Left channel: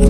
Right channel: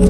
Yo,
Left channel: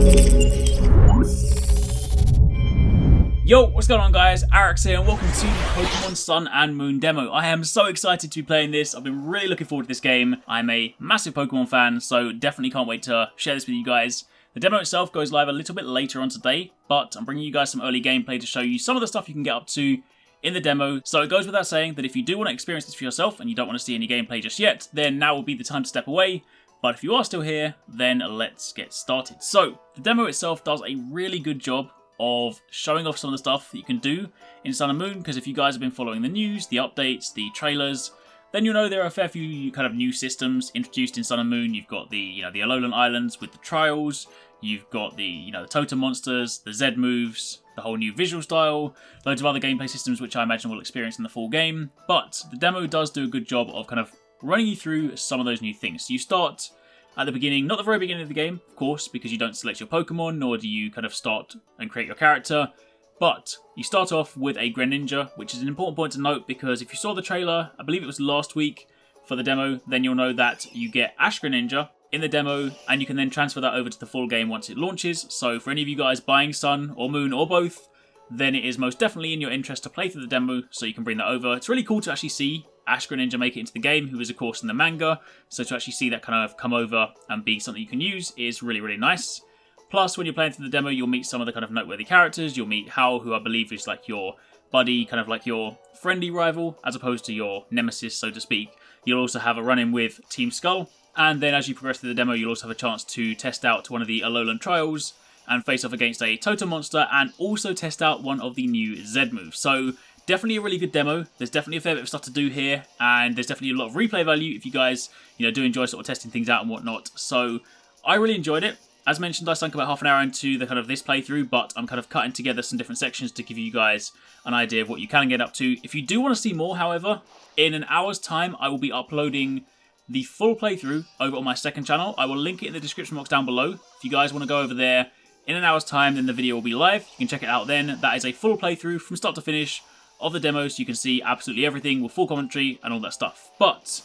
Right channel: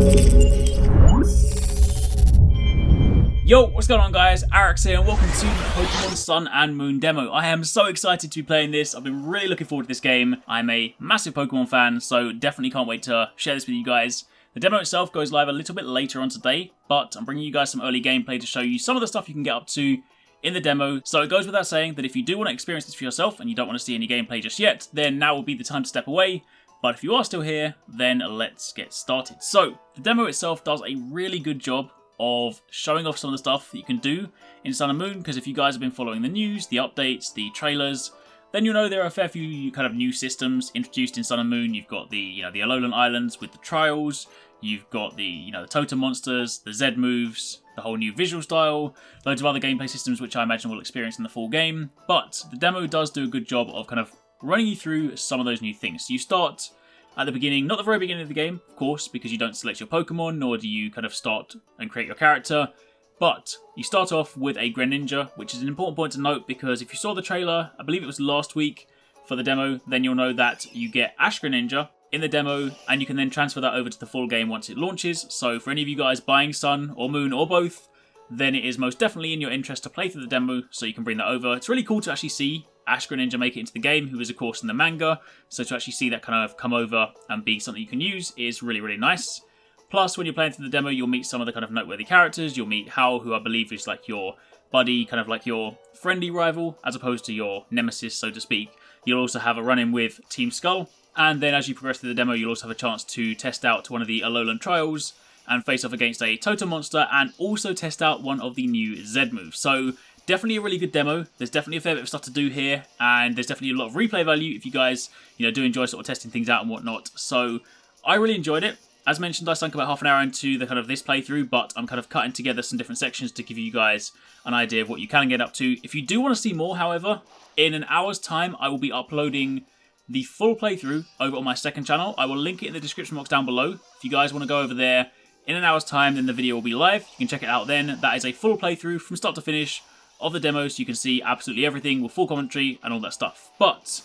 what's going on guys? Arekkz here and welcome to the Pokemon Sun and Moon demo. I am so excited to be playing this. I've been really looking forward to this game. I'm a massive Pokemon fan, so definitely can't wait to share this with you guys. The demo itself goes live a little bit later on today, but I'm bringing you guys some early gameplay to show you some of the stuff you can get up to in the demo. So it goes without saying that if you do want to experience this for yourself and you don't want to see any gameplay just yet, then now will be the time to step away. But if you are still here, then let's get started. So the demo itself does a really good job of showing off some of the stuff that you can do in Sun and Moon, because if you guys have been following the news, the updates, the trailers, then you'll know there are a fair few kind of new systems introduced in Sun and Moon. You've got the, the Alolan Islands with the trials, you've got the, the totem monsters, the Z moves, the whole new visual style, loads of other gameplay systems which I imagine we'll experience in the full game. But the demo does do a good job of kind of running you through some of those new things. So you start at the beginning, not the very beginning of the game, of course, because you don't select your Pokemon, nor do you kind of start and create your character, but you start off with a Greninja, which is an important point to note because if you saw the trailer, I believe it was last week for the demo, then you'll know that you get Ash Greninja in the demo, and you can then transfer that over to the full game once it launches. So for any of you guys buying Sun or Moon or both, then it is most definitely in your interest to play through the demo so you can bring that over. It's really cool to actually see Ash Greninja make it into the game, who is of course in the manga, so to actually see that kind of come over and be something you can use is really, really nice. Plus, when you're playing through the demo, you'll meet some of the kind of noteworthy characters. You'll meet Hal, who I believe is like your buddy, kind of like your friendly rival, as opposed to your nemesis, so to speak. You'll also have a run-in with Team Skull, and then as you progress through the demo, you'll also have a chance to test out one of the Alolan trials, and face off against a totem monster, and also test out one of the new Z moves. So definitely a really good demo. There's definitely a fair bit of stuff to do here, and there's definitely a lot of replay value if you guys, do enjoy sort of testing things out and whatnot. So I really enjoyed it. As mentioned, I sunk about half an hour into the kind of this playthrough, but I'm kind of cutting together some different sections to give you guys an idea of what you can get up to. If you do want to see more, however, in an hour's time, I will be uploading the full playthrough over on my second channel. I will link it in the description box down below. If you guys want to go over there in an hour's time, then the video will be live. You can check it out then. That is a full playthrough from start to finish of the demo, so you can see absolutely everything with full commentary and all that stuff. But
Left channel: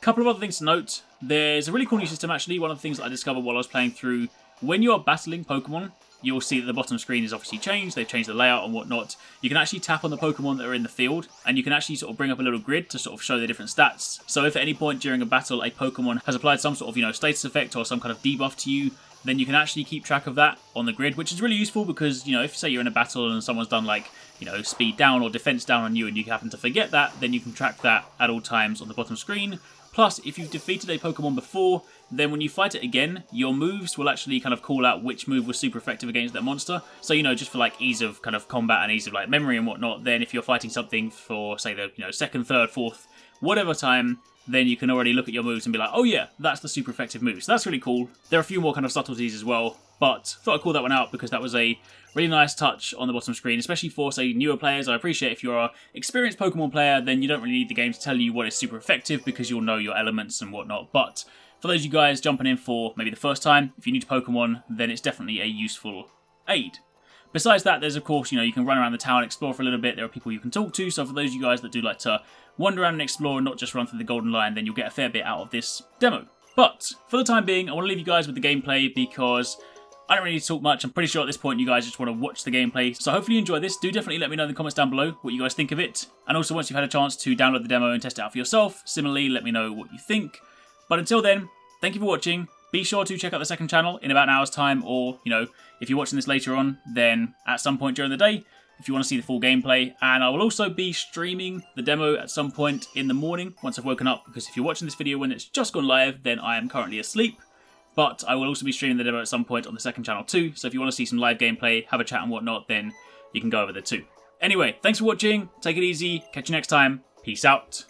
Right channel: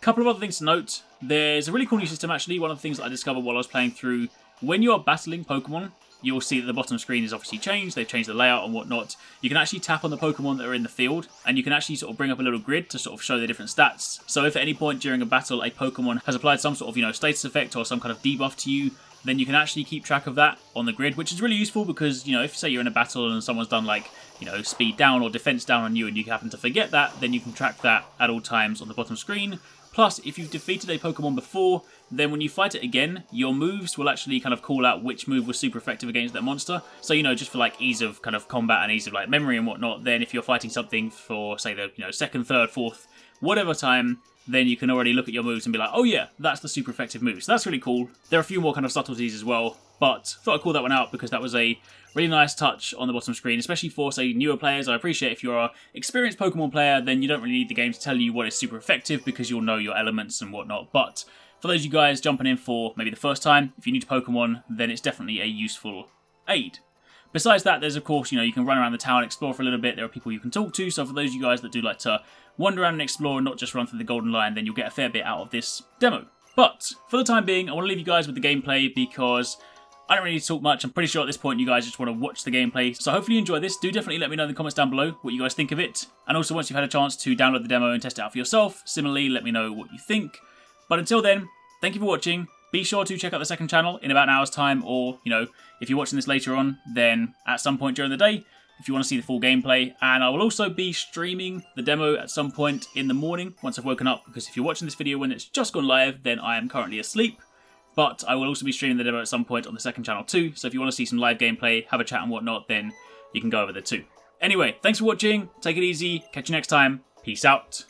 a couple of other things to note. There's a really cool new system actually. One of the things that I discovered while I was playing through, when you are battling Pokemon, you'll see that the bottom screen is obviously changed. They've changed the layout and whatnot. You can actually tap on the Pokemon that are in the field, and you can actually sort of bring up a little grid to sort of show the different stats. So if at any point during a battle a Pokemon has applied some sort of status effect or some kind of debuff to you, then you can actually keep track of that on the grid, which is really useful because, if say you're in a battle and someone's done like, speed down or defense down on you and you happen to forget that, then you can track that at all times on the bottom screen. Plus, if you've defeated a Pokemon before, then when you fight it again, your moves will actually kind of call out which move was super effective against that monster. So, just for like ease of kind of combat and ease of like memory and whatnot, then if you're fighting something for, say, the second, third, fourth, whatever time, then you can already look at your moves and be like, oh yeah, that's the super effective move. So that's really cool. There are a few more kind of subtleties as well, but thought I'd call that one out because that was a really nice touch on the bottom screen, especially for, say, newer players. I appreciate if you're an experienced Pokemon player, then you don't really need the game to tell you what is super effective because you'll know your elements and whatnot. But for those of you guys jumping in for maybe the first time, if you're new to Pokemon, then it's definitely a useful aid. Besides that, there's of course, you can run around the town, explore for a little bit. There are people you can talk to. So for those of you guys that do like to wander around and explore and not just run through the Golden Line, then you'll get a fair bit out of this demo. But for the time being, I want to leave you guys with the gameplay because I don't really need to talk much. I'm pretty sure at this point you guys just want to watch the gameplay. So hopefully you enjoy this. Do definitely let me know in the comments down below what you guys think of it. And also once you've had a chance to download the demo and test it out for yourself, similarly let me know what you think. But until then, thank you for watching. Be sure to check out the second channel in about an hour's time, or, if you're watching this later on, then at some point during the day, if you want to see the full gameplay. And I will also be streaming the demo at some point in the morning once I've woken up, because if you're watching this video when it's just gone live, then I am currently asleep. But I will also be streaming the demo at some point on the second channel too, so if you want to see some live gameplay, have a chat and whatnot, then you can go over there too. Anyway, thanks for watching, take it easy, catch you next time, peace out.